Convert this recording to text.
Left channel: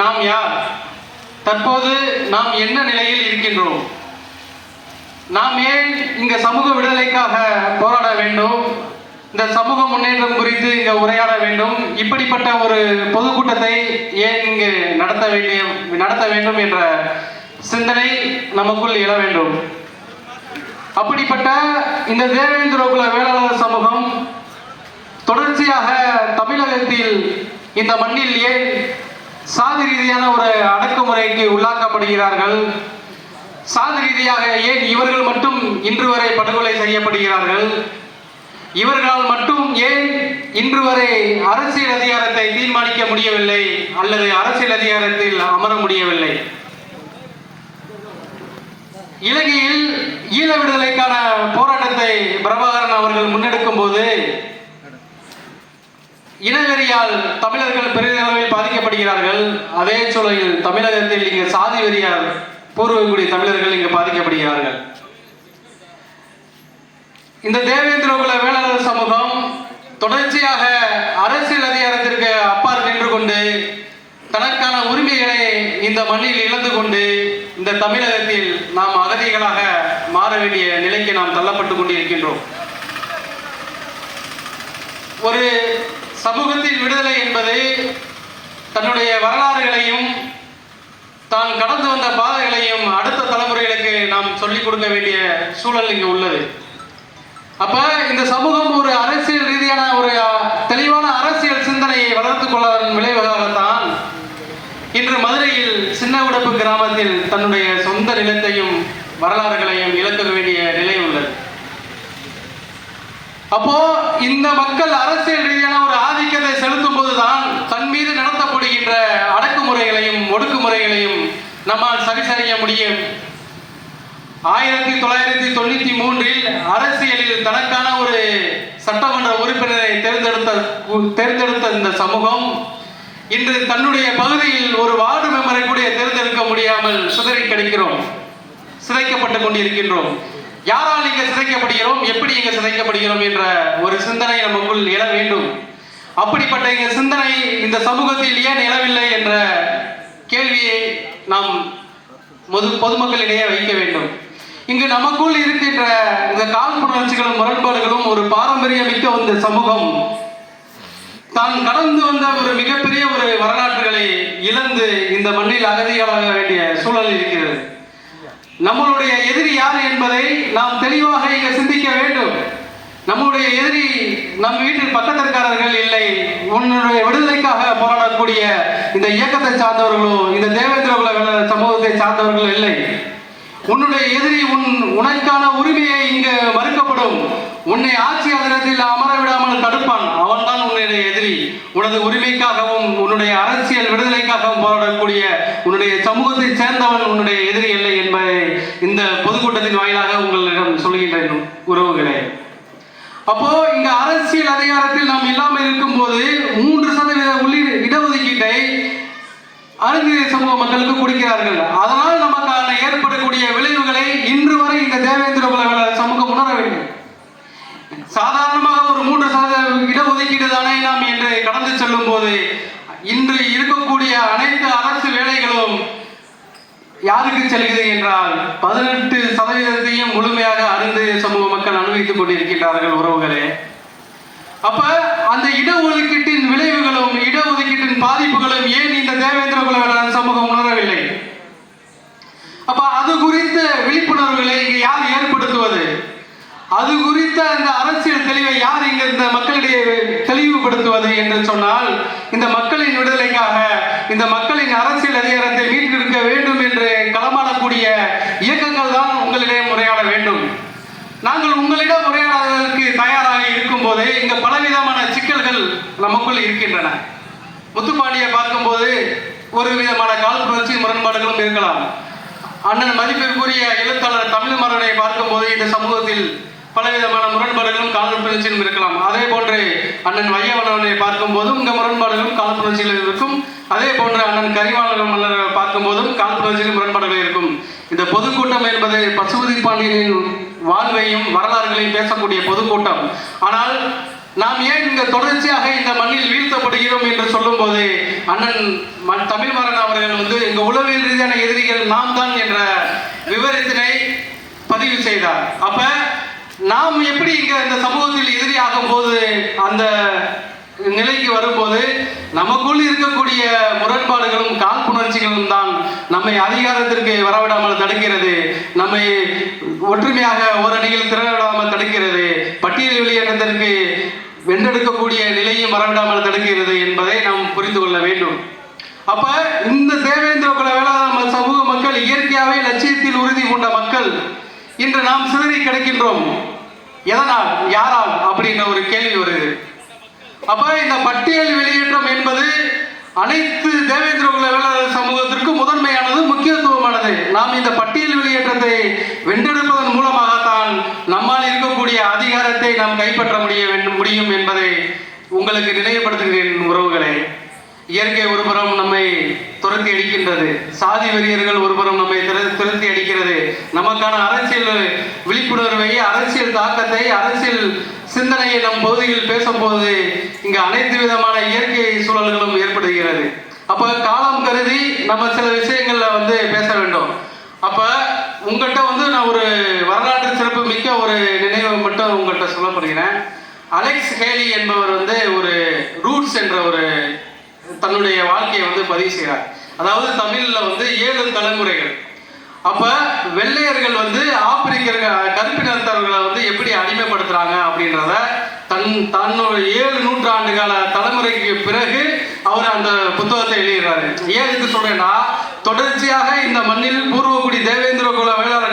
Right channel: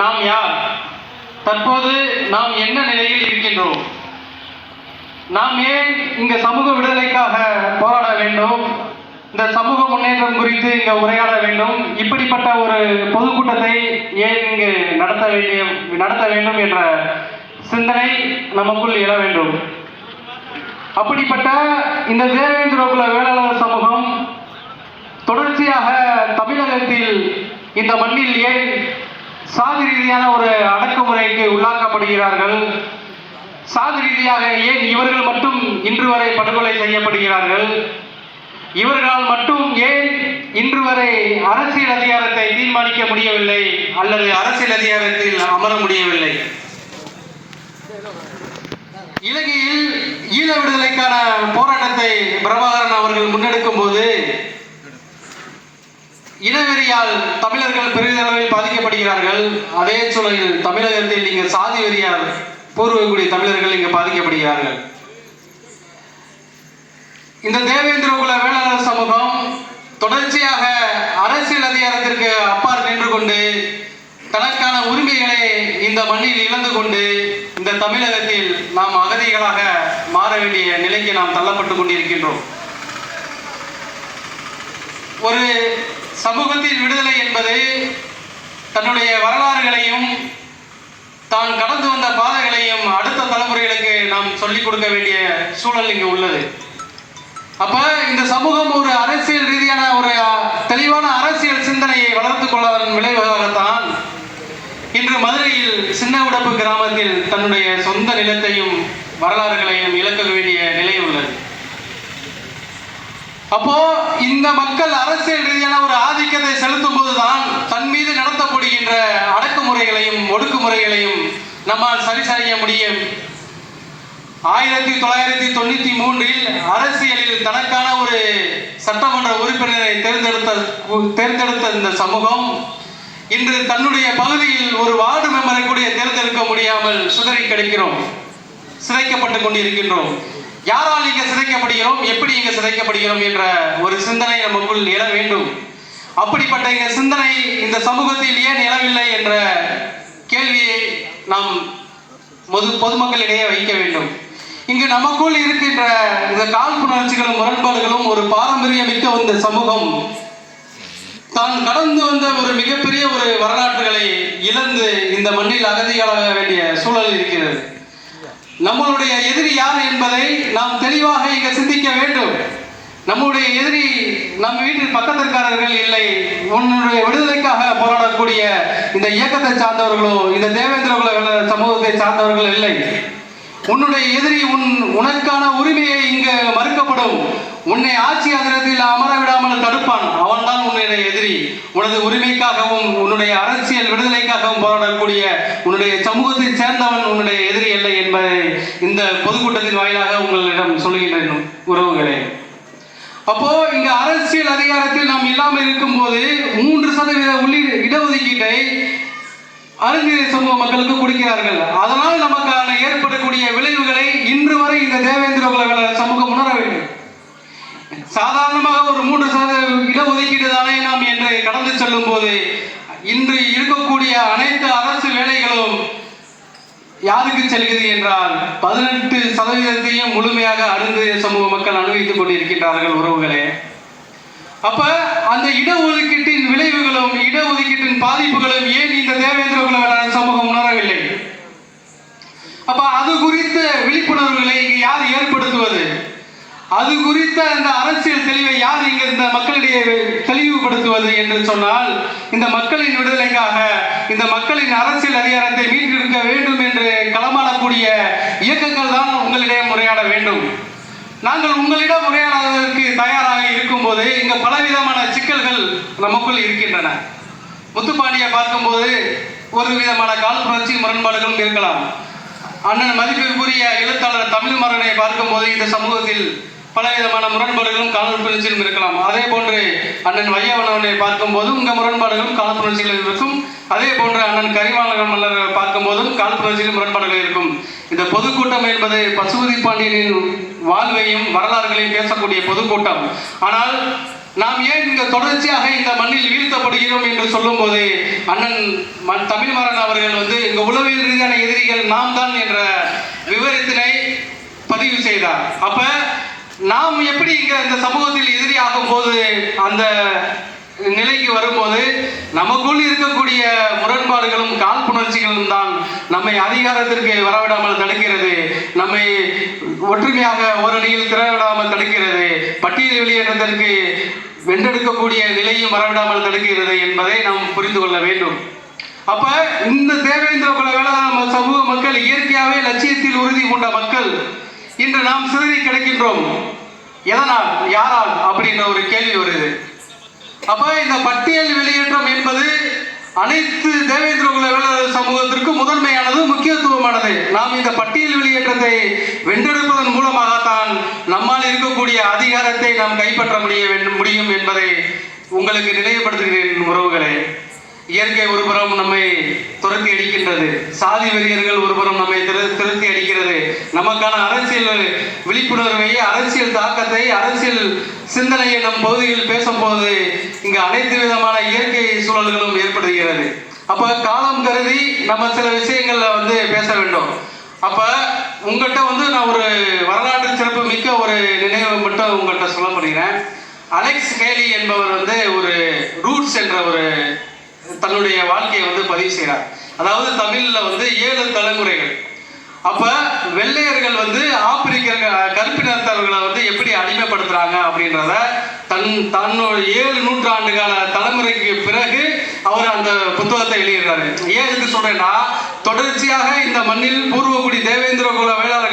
நாம் யார்? தற்போது நாம் என்ன நிலையில் இருக்கின்றோம்? நாம் ஏன் இங்க சமூக விடுதலைக்காக போராட வேண்டும்? இந்த சமூக முன்னேற்றம் குறித்து இங்க உரையாட வேண்டும். இப்படிப்பட்ட ஒரு பொதுக்கூட்டத்தை ஏன் இங்கு நடத்த வேண்டும் என்ற சிந்தனை நமக்குள் எழ வேண்டும். அப்படிப்பட்ட இந்த தேவேந்திரகுல வேளாளர் சமூகம் தொடர்ச்சியாக தமிழகத்தில் இந்த மண்ணில் ஏன் சாதி ரீதியான ஒரு அடக்குமுறைக்கு உள்ளாக்கப்படுகிறார்கள்? சாதி ரீதியாக ஏன் இவர்கள் மட்டும் இன்று வரை படுகொலை செய்யப்படுகிறார்கள்? இவர்களால் மட்டும் ஏன் இன்று வரை அரசியல் அதிகாரத்தை தீர்மானிக்க முடியவில்லை அல்லது அரசியல் அதிகாரத்தில் அமர முடியவில்லை? இலங்கையில் ஈழ விடுதலைக்கான போராட்டத்தை பிரபாகரன் அவர்கள் முன்னெடுக்கும் போது இனவெறியால் தமிழர்கள் பெரிதளவில் பாதிக்கப்படுகிறார்கள். அதே சூழலில் தமிழகத்தில் இங்கு சாதி வெறியால் பூர்வகுடி தமிழர்கள் இங்கு பாதிக்கப்படுகிறார்கள். இந்த தேவேந்திரகுல வேளாளர் சமூகம் தொடர்ச்சியாக அரசியல் அதிகாரத்திற்கு அப்பால் நின்று கொண்டு தனக்கான உரிமைகளை இந்த மண்ணில் இழந்து கொண்டு இந்த தமிழகத்தில் நாம் அகதிகளாக மாற வேண்டிய நிலைக்கு நாம் தள்ளப்பட்டுக் கொண்டிருக்கின்றோம். ஒரு சமூகத்தின் விடுதலை என்பது தன்னுடைய வரலாறுகளையும் தான் கடந்து வந்த பாதைகளையும் அடுத்த தலைமுறைகளுக்கு நாம் சொல்லிக் கொடுக்க வேண்டிய சூழல் இங்கு உள்ளது. அப்ப இந்த சமூகம் ஒரு அரசியல் ரீதியான ஒரு தெளிவான அரசியல் சிந்தனையை வளர்த்துக் கொள்வதன் விளைவாகத்தான் இன்று மதுரையில் சின்ன உடப்பு கிராமத்தில் தன்னுடைய சொந்த நிலத்தையும் வரலாறுகளையும் இழக்க வேண்டிய நிலை உள்ளது. அப்போ இந்த மக்கள் அரசியல் ரீதியான ஒரு ஆதிக்கத்தை செலுத்தும் போதுதான் தன் மீது நடத்தப்படுகின்ற அடக்குமுறைகளையும் ஒடுக்குமுறைகளையும் நம்மால் சரி செய்ய முடியும். 1993 அரசியலில் தனக்கான ஒரு சட்டமன்ற உறுப்பினரை தேர்ந்தெடுத்த இந்த சமூகம் இன்று தன்னுடைய பகுதியில் ஒரு வார்டு மெம்பரை கூட தேர்ந்தெடுக்க முடியாமல் சிதைக்கப்பட்டுக் கொண்டிருக்கின்றோம். யாரால் இங்க சிதைக்கப்படுகிறோம், எப்படி இங்க சிதைக்கப்படுகிறோம் என்ற ஒரு சிந்தனை நமக்குள் எழ வேண்டும். அப்படிப்பட்ட இந்த சிந்தனை இந்த சமூகத்தில் ஏன் எழவில்லை என்ற கேள்வியை நாம் பொதுமக்களிடையே வைக்க வேண்டும். இங்கு நமக்குள் இருக்கின்ற இந்த காழ்ப்புணர்ச்சிகளும் முரண்பாடுகளும் ஒரு பாரம்பரியமிக்க இந்த சமூகம் தான் கடந்து வந்த ஒரு மிகப்பெரிய ஒரு வரலாற்றுகளை இழந்து இந்த மண்ணில் அகதியாக வேண்டிய சூழல் இருக்கிறது. நம்மளுடைய எதிரி யார் என்பதை நாம் தெளிவாக இங்க சிந்திக்க வேண்டும். நம்முடைய எதிரி நம் வீட்டில் பக்கத்திற்காரர்கள் இல்லை. உன்னுடைய விடுதலைக்காக போராடக்கூடிய இந்த இயக்கத்தை சார்ந்தவர்களோ இந்த தேவேந்திரகுல வேளாளர் சமூகத்தை சார்ந்தவர்கள் இல்லை. உன்னுடைய எதிரி உனக்கான உரிமையை இங்கு மறுக்கப்படும், உன்னை ஆட்சி அதிரத்தில் அமர விடாமல் தடுப்பான். அவன்தான் உன்னுடைய எதிரி. உனது உரிமைக்காகவும் உன்னுடைய அரசியல் விடுதலைக்காகவும் போராடக்கூடிய உன்னுடைய சமூகத்தை சேர்ந்தவன் உன்னுடைய எதிரி இல்லை என்பதை இந்த பொதுக்கூட்டத்தின் வாயிலாக உங்களிடம் சொல்கின்றேன் உறவுகளே. அப்போ இங்க அரசியல் அதிகாரத்தில் நாம் இல்லாமல் இருக்கும் போது 3% இடஒதுக்கீட்டை அருந்திய சமூக மக்களுக்கு கொடுக்கிறார்கள். அதனால் நமக்கான ஏற்படக்கூடிய விளைவுகளை இன்று வரை இந்த தேவேந்திரகுல வேளாளர் சமூகம் உணர வேண்டும். சாதாரணமாக ஒரு 3% இடஒதுக்கீடு தானே நாம் என்று கடந்து செல்லும் போது இன்று இருக்கக்கூடிய அனைத்து அரசு வேலைகளும் யாருக்கு செல்கிறது என்றால் 18% முழுமையாக அருந்திய சமூக மக்கள் அனுபவித்துக் கொண்டிருக்கின்றார்கள் உறவுகளே. அப்ப அந்த இடஒதுக்கீட்டின் விளைவுகளும் இடஒதுக்கீட்டின் பாதிப்புகளும் ஏன் இந்த தேவேந்திரகுல வேளாளர் சமூகம் உணரவில்லை? அப்ப அது குறித்த விழிப்புணர்வுகளை இங்கு யார் ஏற்படுத்துவது? அது குறித்த அந்த அரசியல் தெளிவை யார் இங்க இந்த மக்களிடையே தெளிவுபடுத்துவது என்று சொன்னால் இந்த மக்களின் விடுதலைக்காக இந்த மக்களின் அரசியல் அதிகாரத்தை மீட்டெடுக்க வேண்டும் என்று களமாடக்கூடிய இயக்கங்கள் தான் உங்களிடம் முறையாட வேண்டும். நாங்கள் உங்களிடம் முறையாடுவதற்கு தயாராக இருக்கும் போது இங்க பலவிதமான சிக்கல்கள் நமக்குள் இருக்கின்றன. முத்துப்பாண்டியை பார்க்கும்போது ஒரு விதமான காழ்ப்புணர்ச்சி முரண்பாடுகளும் இருக்கலாம். அண்ணன் மதிப்பிற்குரிய எழுத்தாளர் தமிழ்மரனை பார்க்கும்போது இந்த சமூகத்தில் பலவிதமான முரண்பாடுகளும் காழ்ப்புணர்ச்சியும் இருக்கலாம். அதே போன்று அண்ணன் வையவனவனை பார்க்கும் போதும் இந்த முரண்பாடுகளும் காழ்ப்புணர்ச்சிகள் இருக்கும். அதே போன்று அண்ணன் கரிவாளர் மன்னரை பார்க்கும் போதும் காழ்ப்புணர்ச்சியில் முரண்பாடுகள் இருக்கும். இந்த பொதுக்கூட்டம் என்பது பசுபதி பாண்டியனின் வாழ்வையும் வரலாறுகளையும் பேசக்கூடிய பொதுக்கூட்டம். ஆனால் நாம் ஏன் இங்க தொடர்ச்சியாக இந்த மண்ணில் வீழ்த்தப்படுகிறோம் என்று சொல்லும் போது அண்ணன் தமிழ்மரன் அனைத்து தேவேந்திர குல வேளாளர் சமூகத்திற்கு முதன்மையானது, முக்கியத்துவமானது. நாம் இந்த பட்டியல் வெளியேற்றத்தை வென்றெடுப்பதன் மூலமாகத்தான் நம்மால் இருக்கக்கூடிய அதிகாரத்தை நாம் கைப்பற்ற முடியும் என்பதை உங்களுக்கு நினைவுபடுத்துகிறேன் உறவுகளே. இயற்கை ஒருபுறம் நம்மை துரத்தி அடிக்கின்றது, சாதி வெறியர்கள் ஒருபுறம் நம்மை துரத்தி அடிக்கிறது. நமக்கான அரசியல் விழிப்புணர்வை, அரசியல் தாக்கத்தை, அரசியல் சிந்தனையை நம் பகுதியில் பேசும்போது இங்கு அனைத்து விதமான இயற்கை சூழல்களும் ஏற்படுகிறது. அப்ப காலம் கருதி நம்ம சில விஷயங்கள்ல பேச வேண்டும். அப்ப உங்கள்கிட்ட நான் ஒரு வரலாற்று சிறப்பு மிக்க ஒரு நினைவை மட்டும் உங்கள்கிட்ட சொல்ல போகிறேன். அலெக்ஸ் ஹேலி என்பவர் ஒரு ரூட்ஸ் என்ற ஒரு தன்னுடைய வாழ்க்கையை பதிவு செய்கிறார். அதாவது தமிழ்ல 7 தலைமுறைகள். அப்ப வெள்ளையர்கள் ஆப்பிரிக்க கருப்பினத்தவர்களை எப்படி அடிமைப்படுத்துறாங்க அப்படின்றத தன்னோட 7 நூற்றாண்டு கால தலைமுறைக்கு பிறகு அவர் அந்த புத்தகத்தை எழுதுகிறாரு. ஏன் இதுக்கு சொல்றேன்னா, தொடர்ச்சியாக இந்த